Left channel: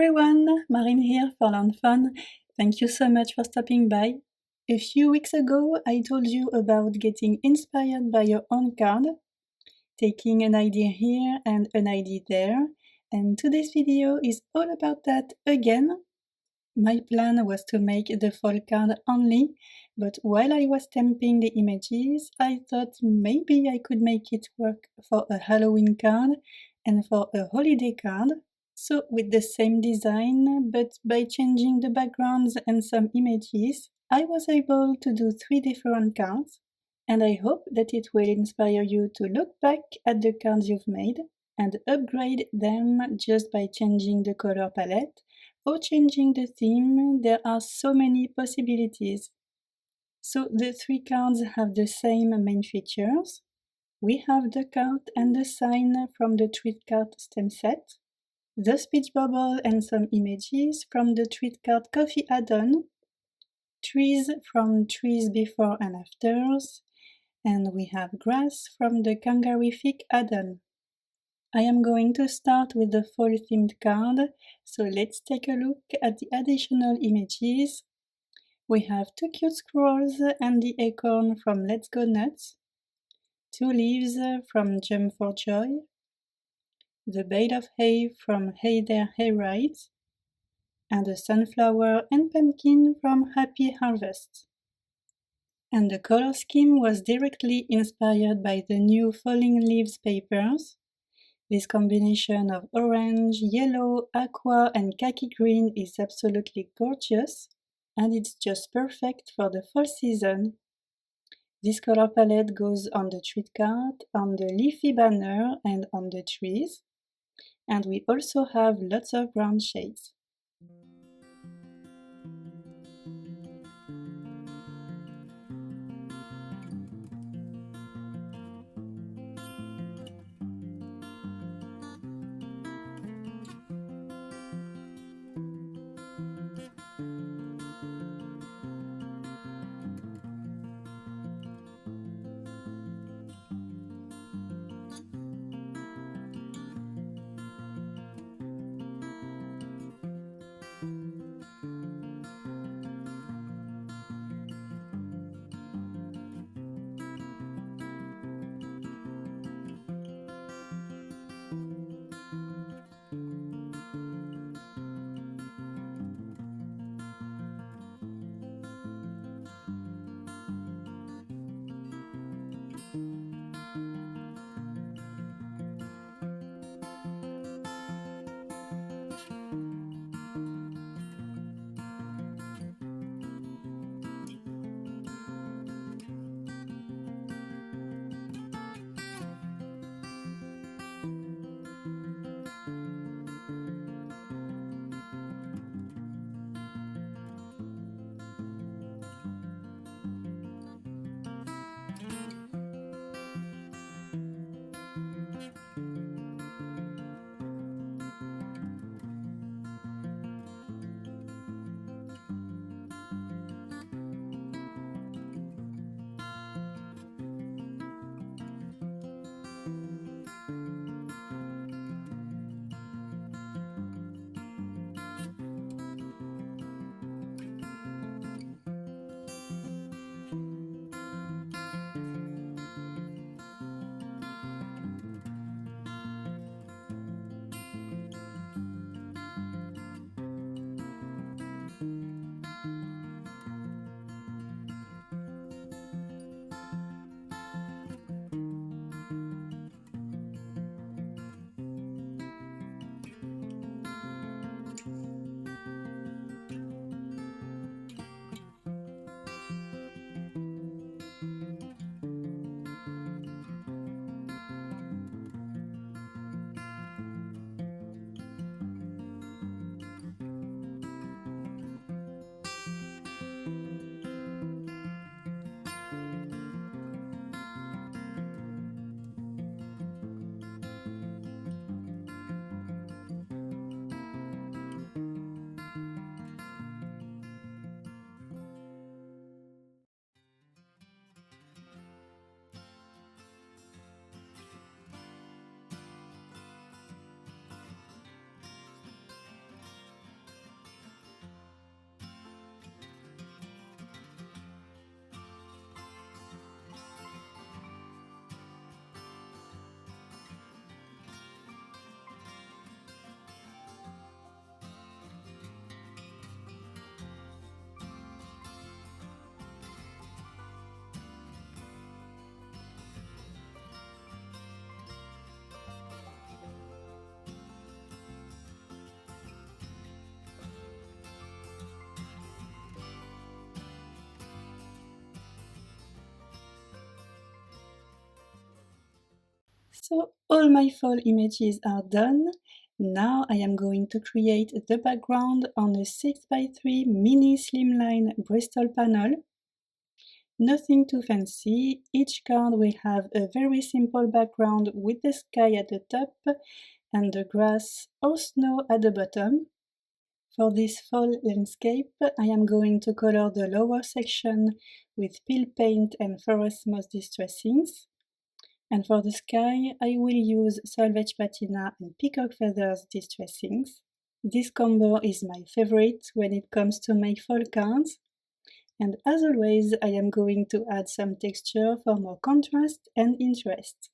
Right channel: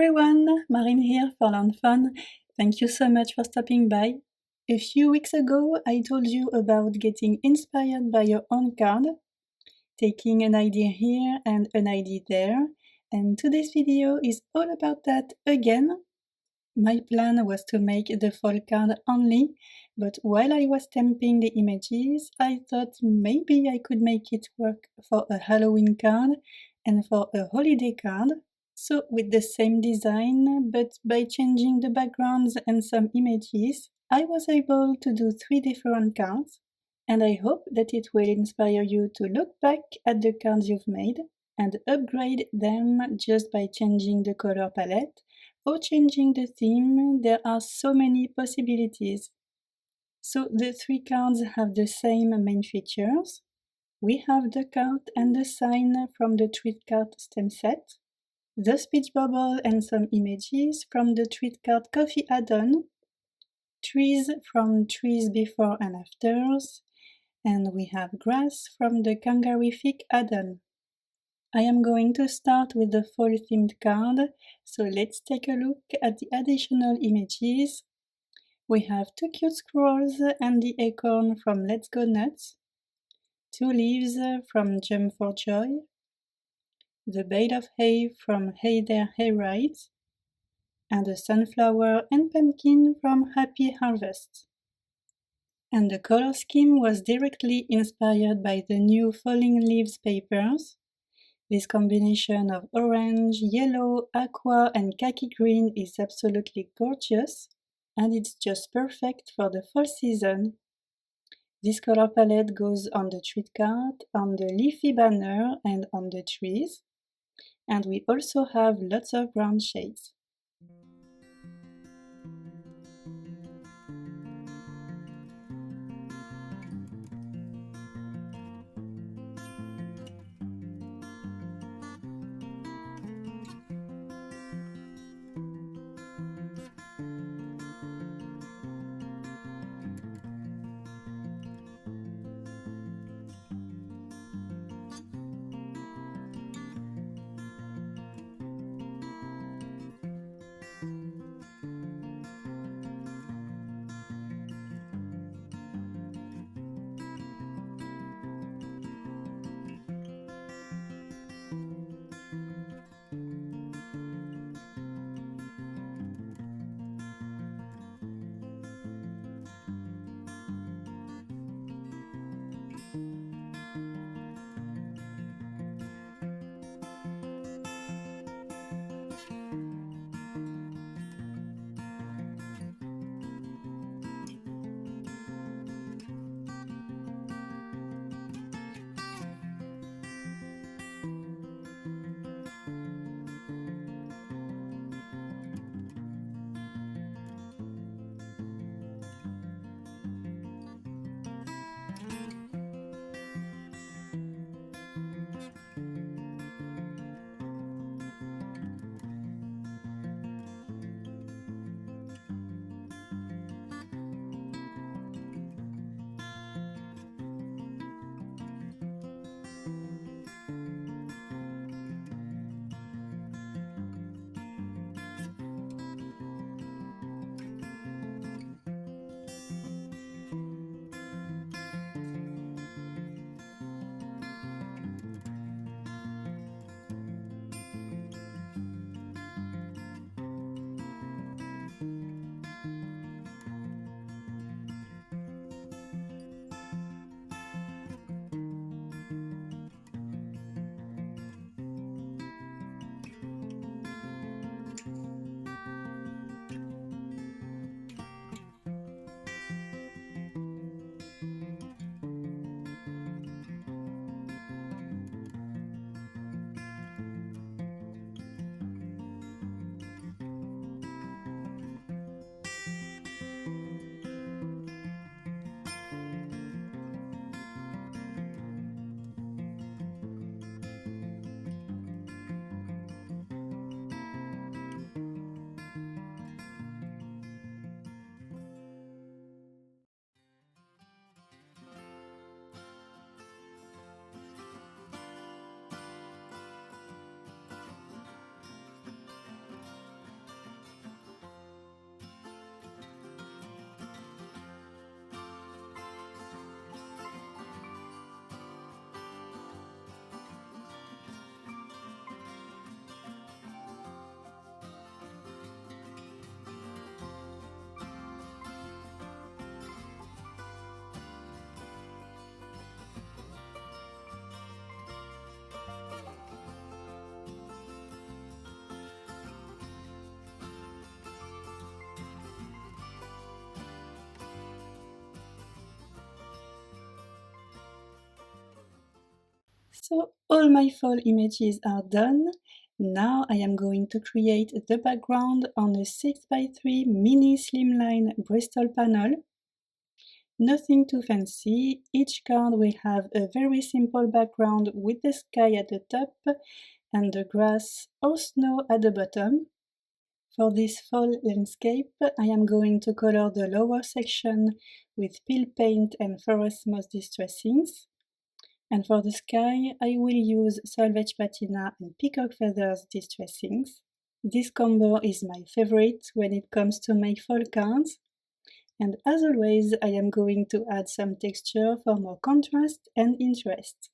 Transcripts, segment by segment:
everyone, Marine here for lawnfawn. Thank you so much for stopping by. A few weeks ago I told you about getting inspired by your own card, taking an idea here and an idea there, and today's video is all about that again. My plan was to make the fall card only, but while I was stamping the images, I thought maybe I could make it work for a Halloween card and for a holiday card. So with the same design, but by changing the backgrounds and some images, I was able to do 3 different cards, and I hope that it will inspire you to look back at the cards you've made and upgrade them just by changing the color palette or changing the theme. There are so many possibilities. So the 3 cards have the same main features. We have the card and the sign from the treat card stamp set, the speech bubble and some images from the treat card coffee add-on, trees from trees before and afters, and we have grass from the Kangarific add-on. I am going to start with the fall themed card, so let's take a look at the additional images. We have 2 cute squirrels and the acorn from Let's Go Nuts, 2 leaves from Jump for Joy, the bale of hay from Hey There Hayrides, and a sunflower and pumpkin from Happy Harvest. And the color scheme was directly inspired by the new Falling Leaves papers. This combination of orange, yellow, aqua and khaki green is absolutely gorgeous, and it's just perfect for the fall season. This color palette goes on the treat card, on the leafy banner and on the trees, and we also have lots of brown shades. So all my fall images are done. Now I am going to create the background on a 6x3 mini slimline Bristol panel. Nothing too fancy, each card will have a very simple background with the sky at the top and the grass or snow at the bottom. For this fall landscape, I am going to color the lower section with peel paint and forest moss distressings. And for the sky, I will use salvage patina and peacock feathers distressings. This combo is my favorite when it comes to my fall cards. And as always, I am going to add some texture for more contrast and interest.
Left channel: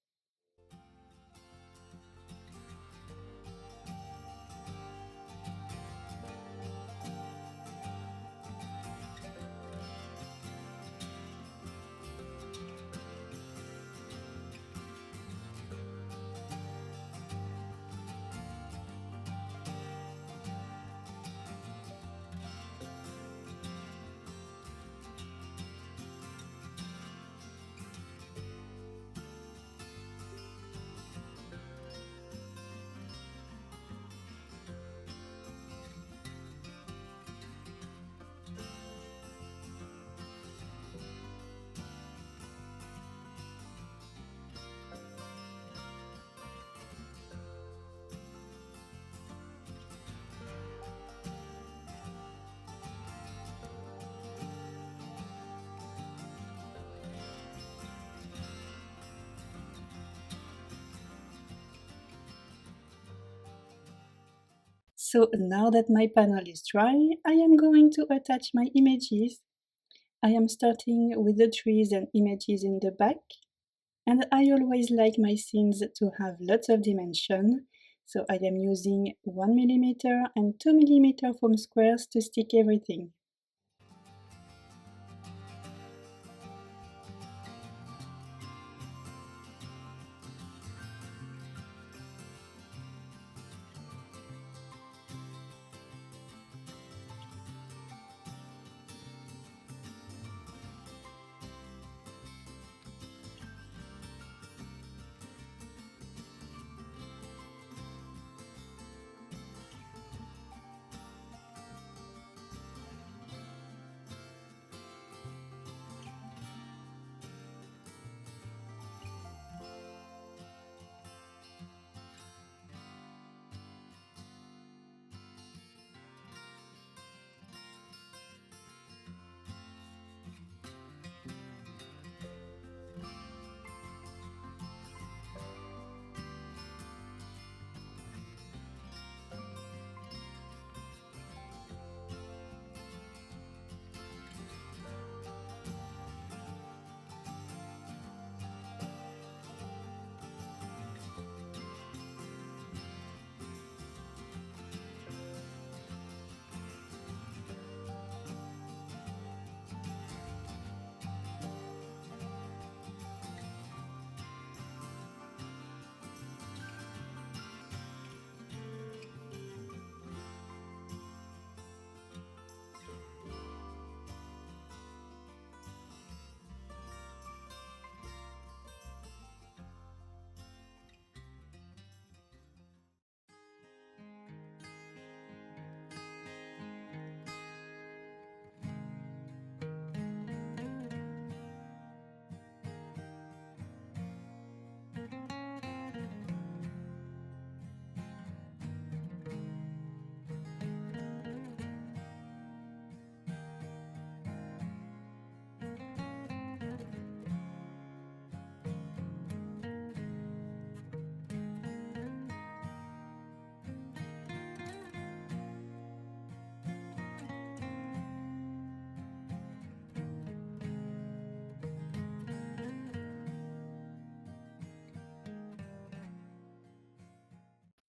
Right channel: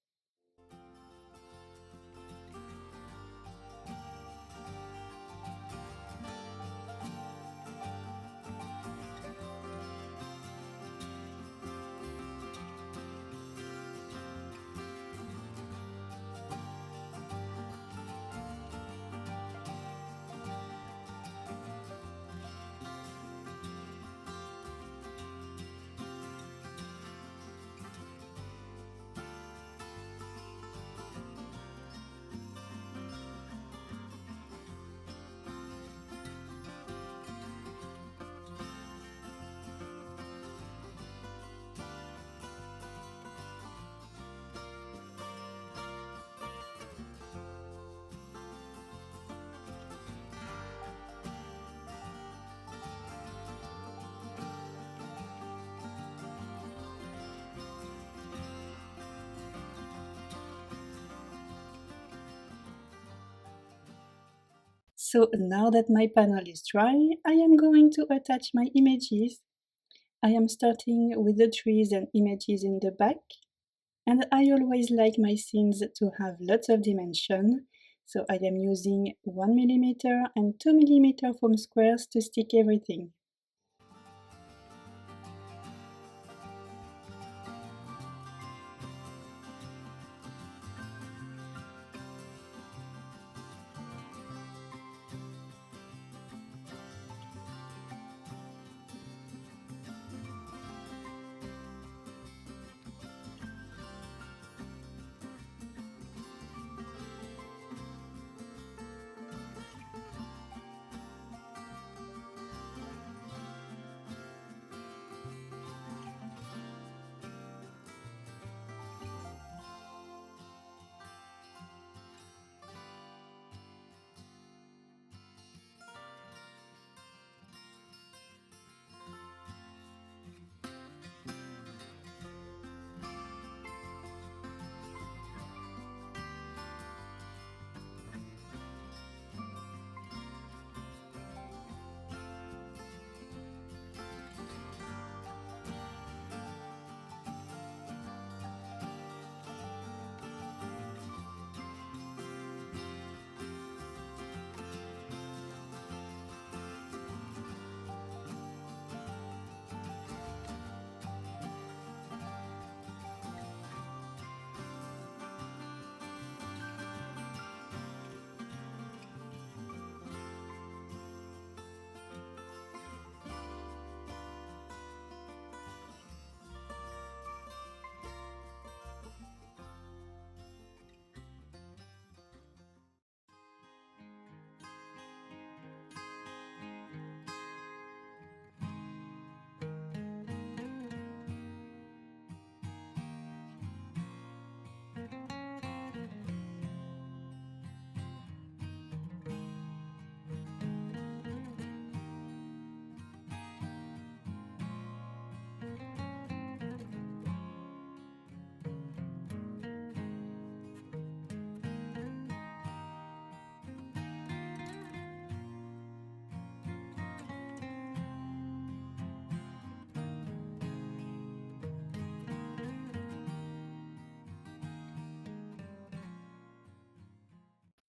So now that my panel is dry, I am going to attach my images. I am starting with the trees and images in the back, and I always like my scenes to have lots of dimension, so I am using 1mm and 2mm foam squares to stick everything.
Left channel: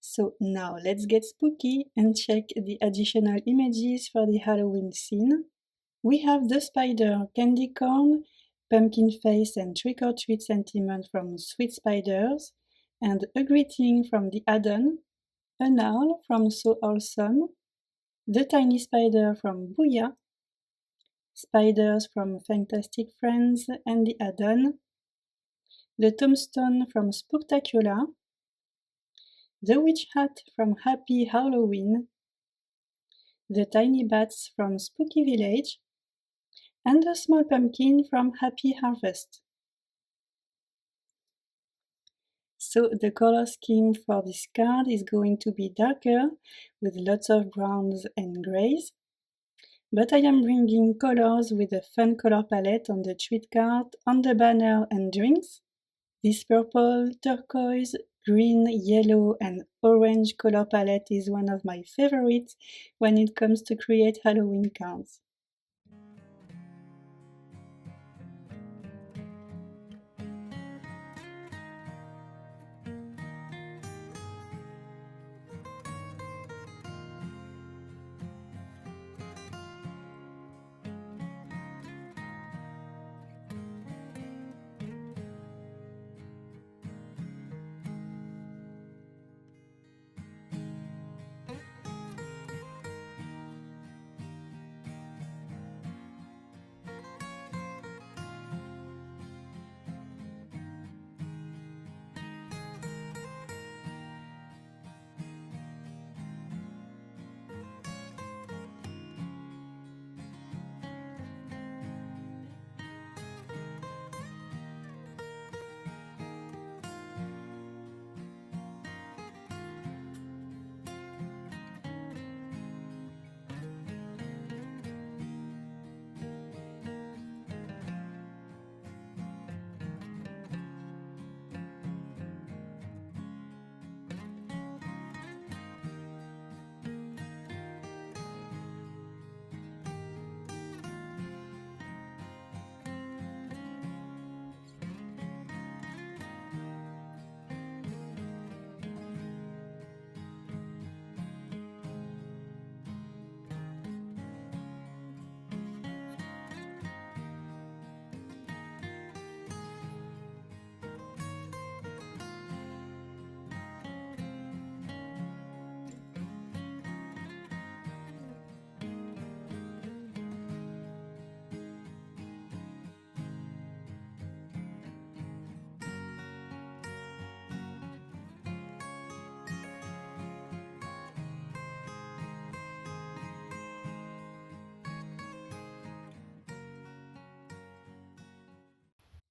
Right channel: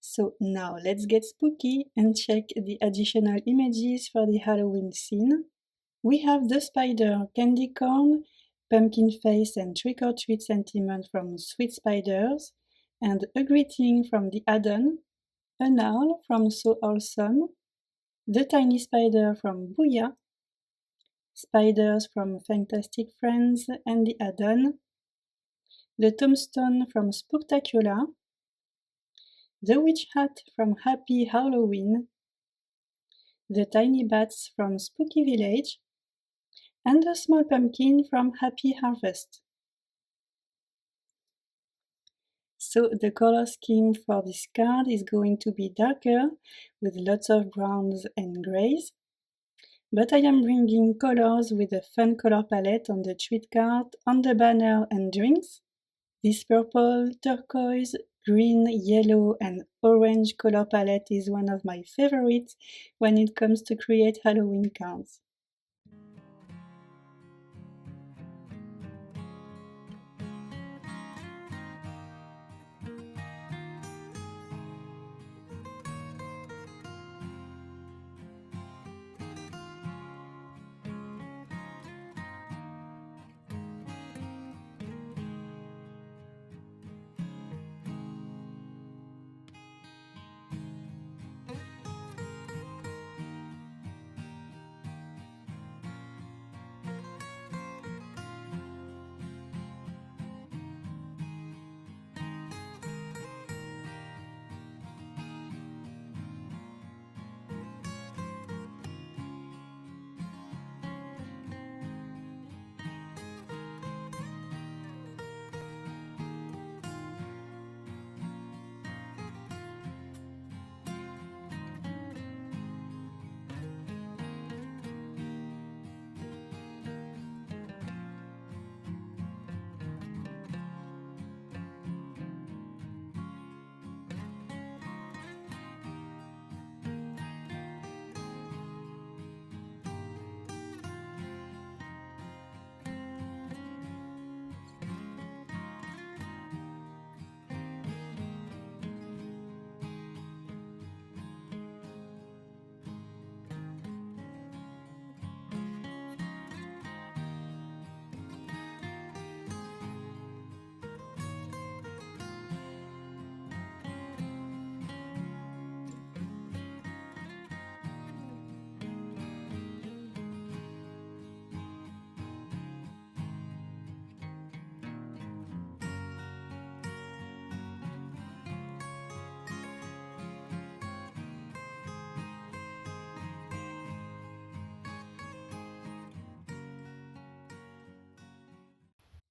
So now let's get spooky and check the additional images for the Halloween scene. We have the spider candy corn, pumpkin face and trick-or-treat sentiment from Sweet Spiders, and a greeting from the add-on, an owl from So Owlsome, the tiny spider from Booyah, spiders from Fangtastic Friends and the add-on, the tombstone from Spooktacular, the witch hat from Happy Howloween, the tiny bats from Spooky Village, and the small pumpkin from Happy Harvest. So the color scheme for this card is going to be darker with lots of browns and grays, but I am bringing colors with a fun color palette on the treat card, on the banner and drinks. This purple, turquoise, green, yellow and orange color palette is one of my favorites when it comes to create Halloween cards.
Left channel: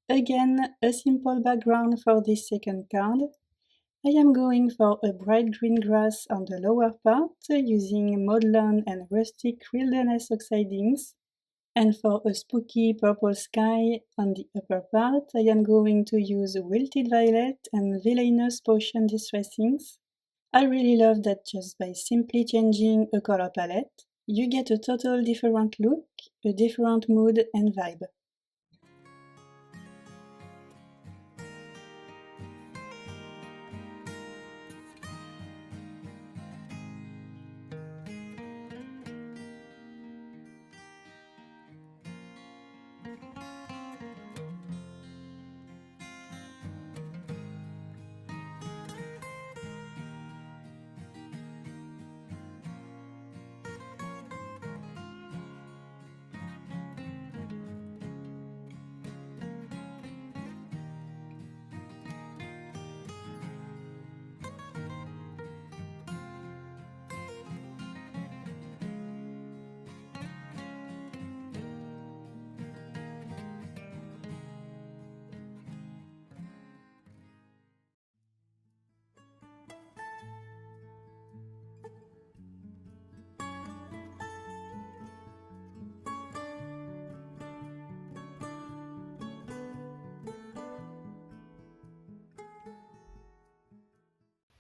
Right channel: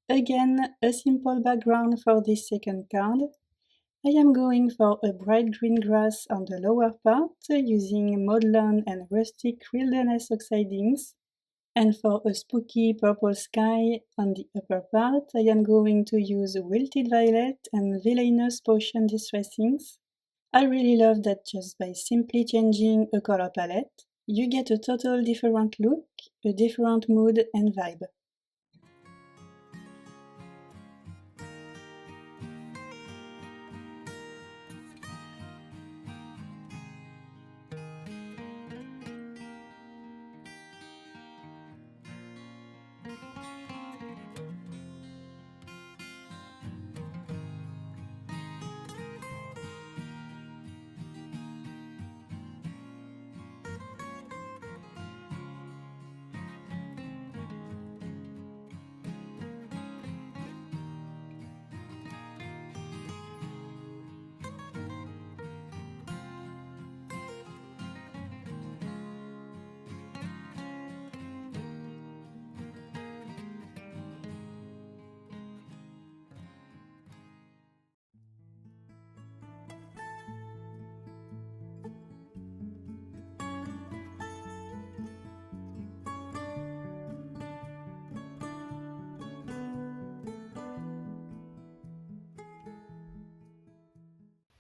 Again, a simple background for this second card. I am going for a bright green grass on the lower part using maudlin and rustic wilderness oxide inks. And for a spooky purple sky on the upper part, I am going to use wilted violet and villainous potion distress inks. I really love that just by simply changing a color palette, you get a total different look, a different mood and vibe.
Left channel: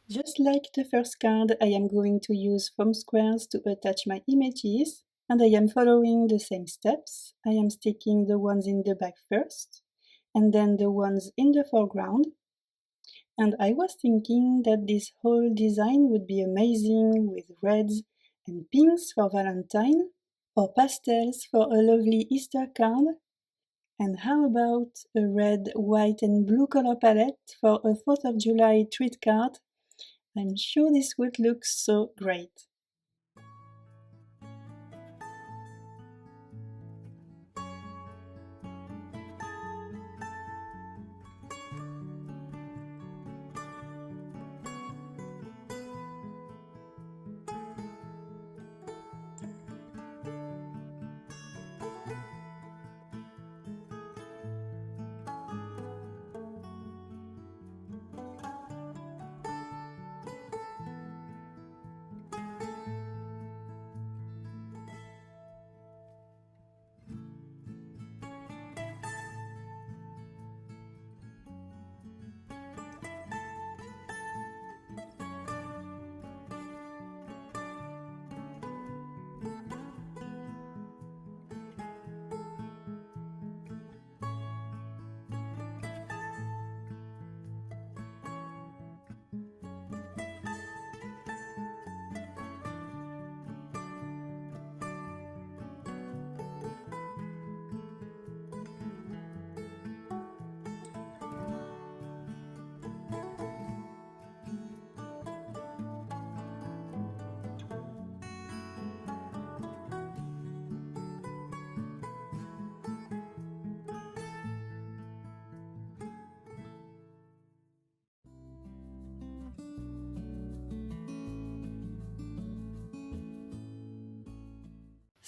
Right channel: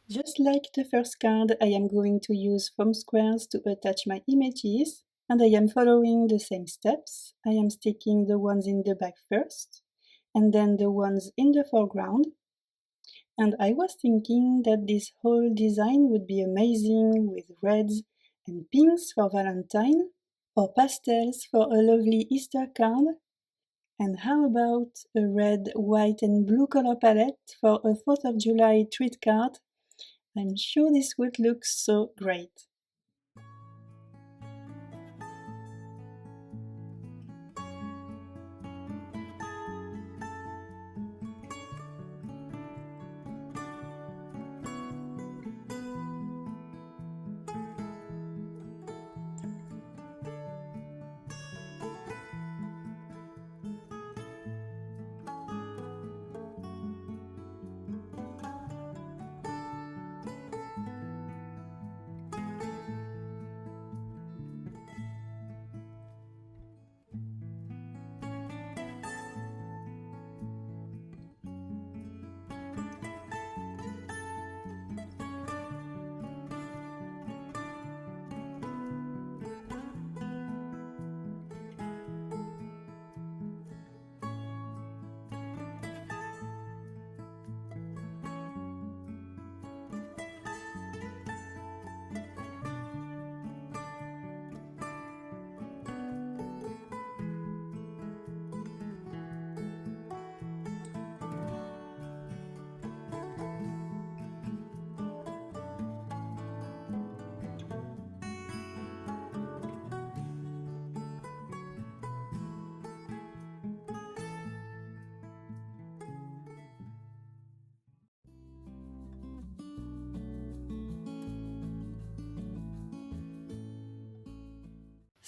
Just like the first card, I am going to use foam squares to attach my images, and I am following the same steps. I am sticking the ones in the back first, and then the ones in the foreground. And I was thinking that this whole design would be amazing with reds and pinks for Valentine, or pastels for a lovely Easter card. And how about a red, white and blue color palette for a 4th of July treat card? I'm sure this would look so great.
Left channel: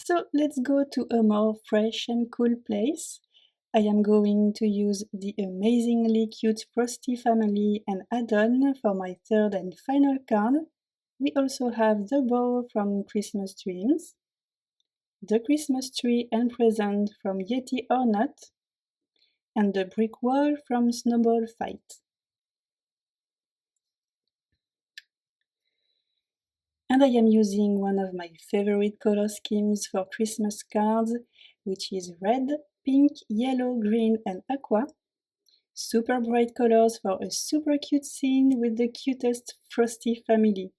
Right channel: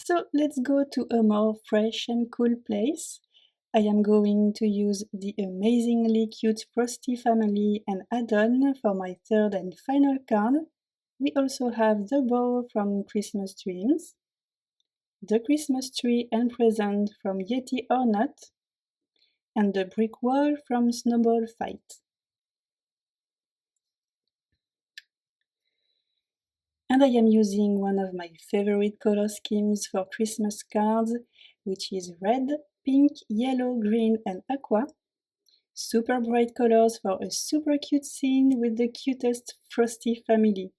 So let's go to a more fresh and cool place. I am going to use the amazingly cute Frosty family and add-on for my third and final card. We also have the bow from Christmas Dreams, the Christmas tree and present from Yeti or Not, and the brick wall from Snowball Fight. And I am using one of my favorite color schemes for Christmas cards, which is red, pink, yellow, green, and aqua. Super bright colors for a super cute scene with the cutest Frosty family.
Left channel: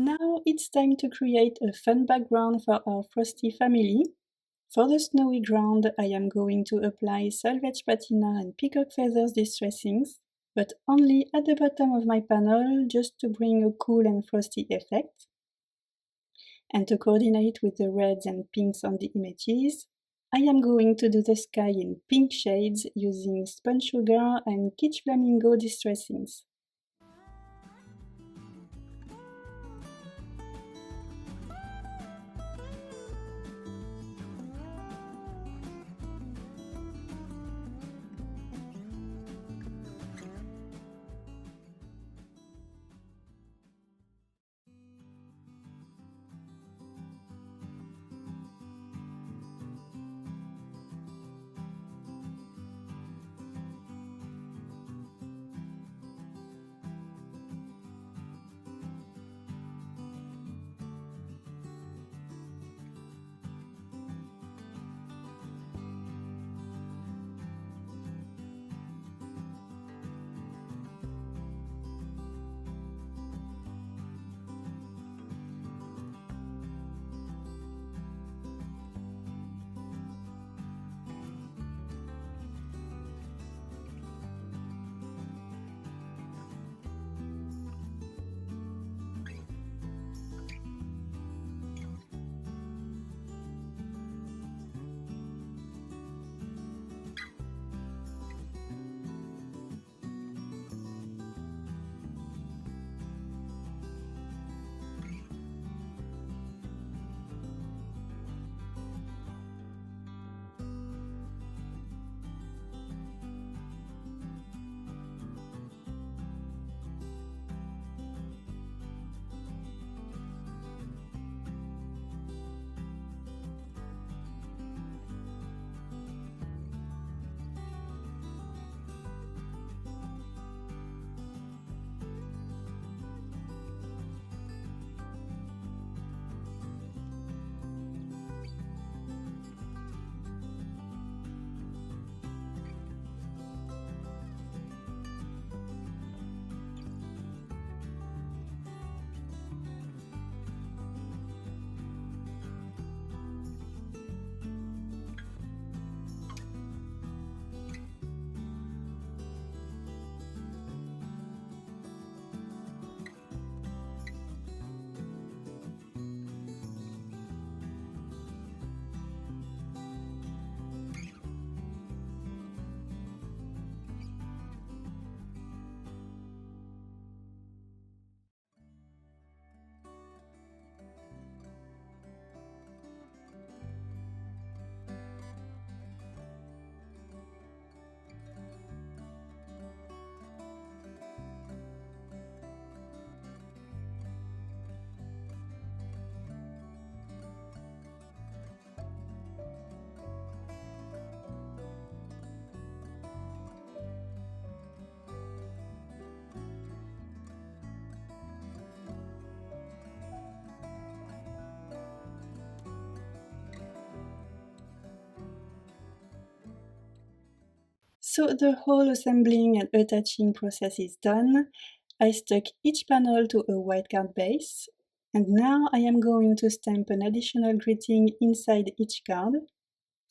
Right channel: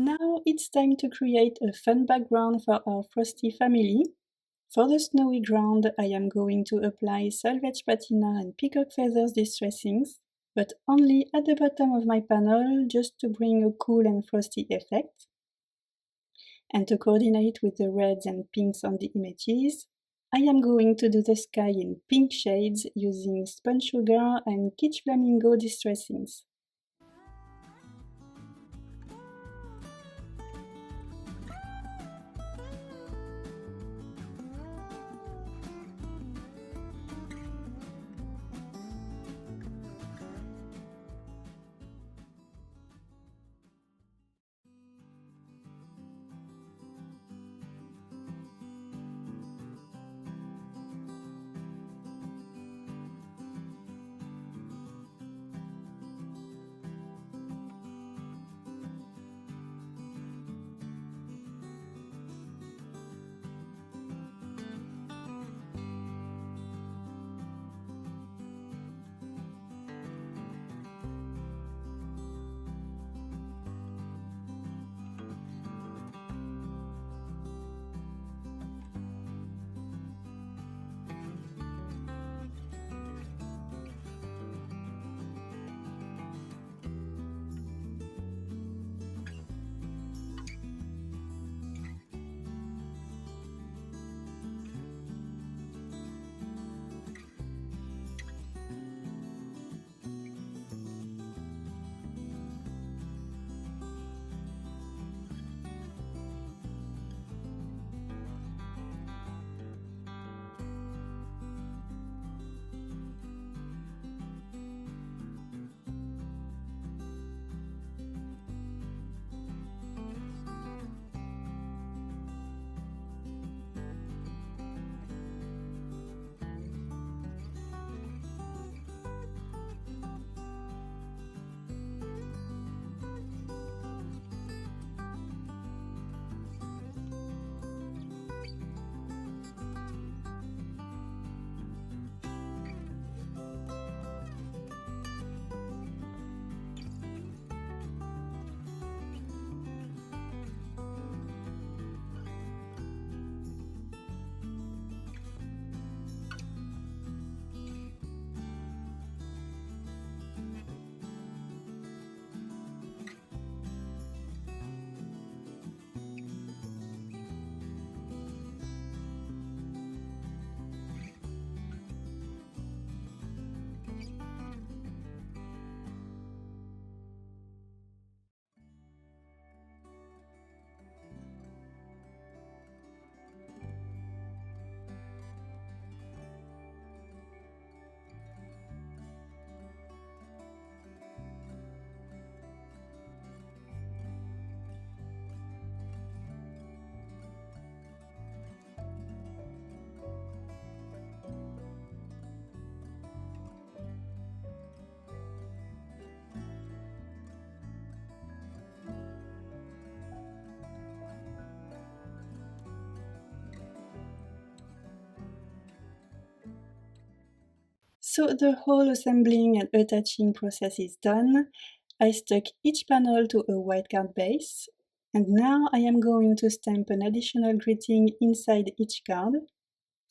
Now it's time to create a fun background for our Frosty family. For the snowy ground, I am going to apply salvage patina and peacock feathers distressings, but only at the bottom of my panel just to bring a cool and frosty effect. And to coordinate with the reds and pinks on the images, I am going to do the sky in pink shades using spun sugar and Kitsch Flamingo distressings. So the whole assembling and attaching process is done. I stuck each panel to a white card base, and now I am going to stamp an additional greeting inside each card.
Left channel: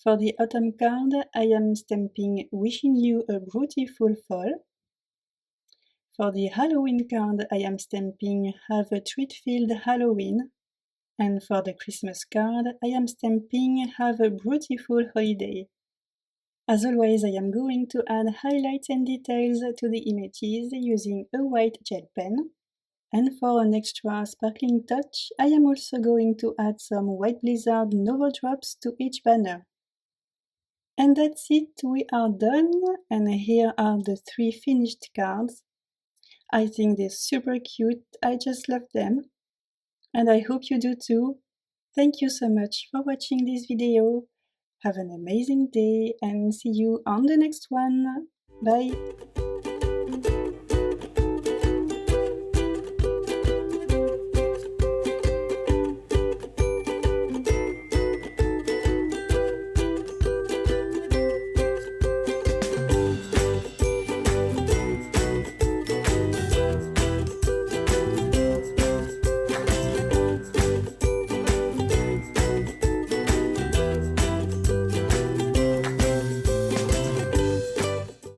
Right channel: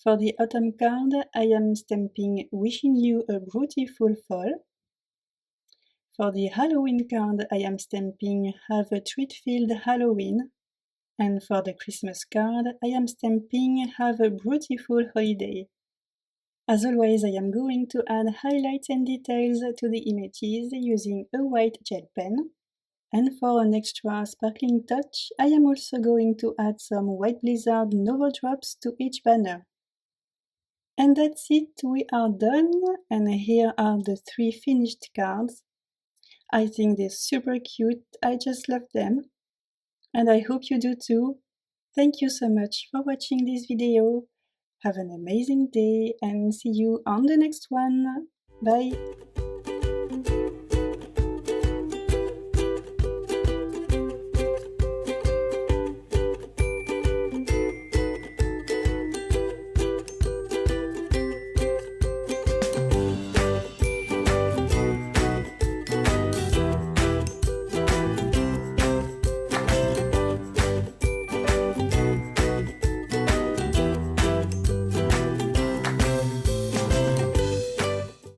For the autumn card, I am stamping "Wishing you a beautiful fall." For the Halloween card, I am stamping "Have a treat-filled Halloween." And for the Christmas card, I am stamping "Have a beautiful holiday." As always, I am going to add highlights and details to the images using a white gel pen. And for an extra sparkling touch, I am also going to add some White Blizzard Novo Drops to each banner. And that's it, we are done, and here are the 3 finished cards. I think they're super cute, I just love them. And I hope you do too. Thank you so much for watching this video. Have an amazing day and see you on the next one. Bye!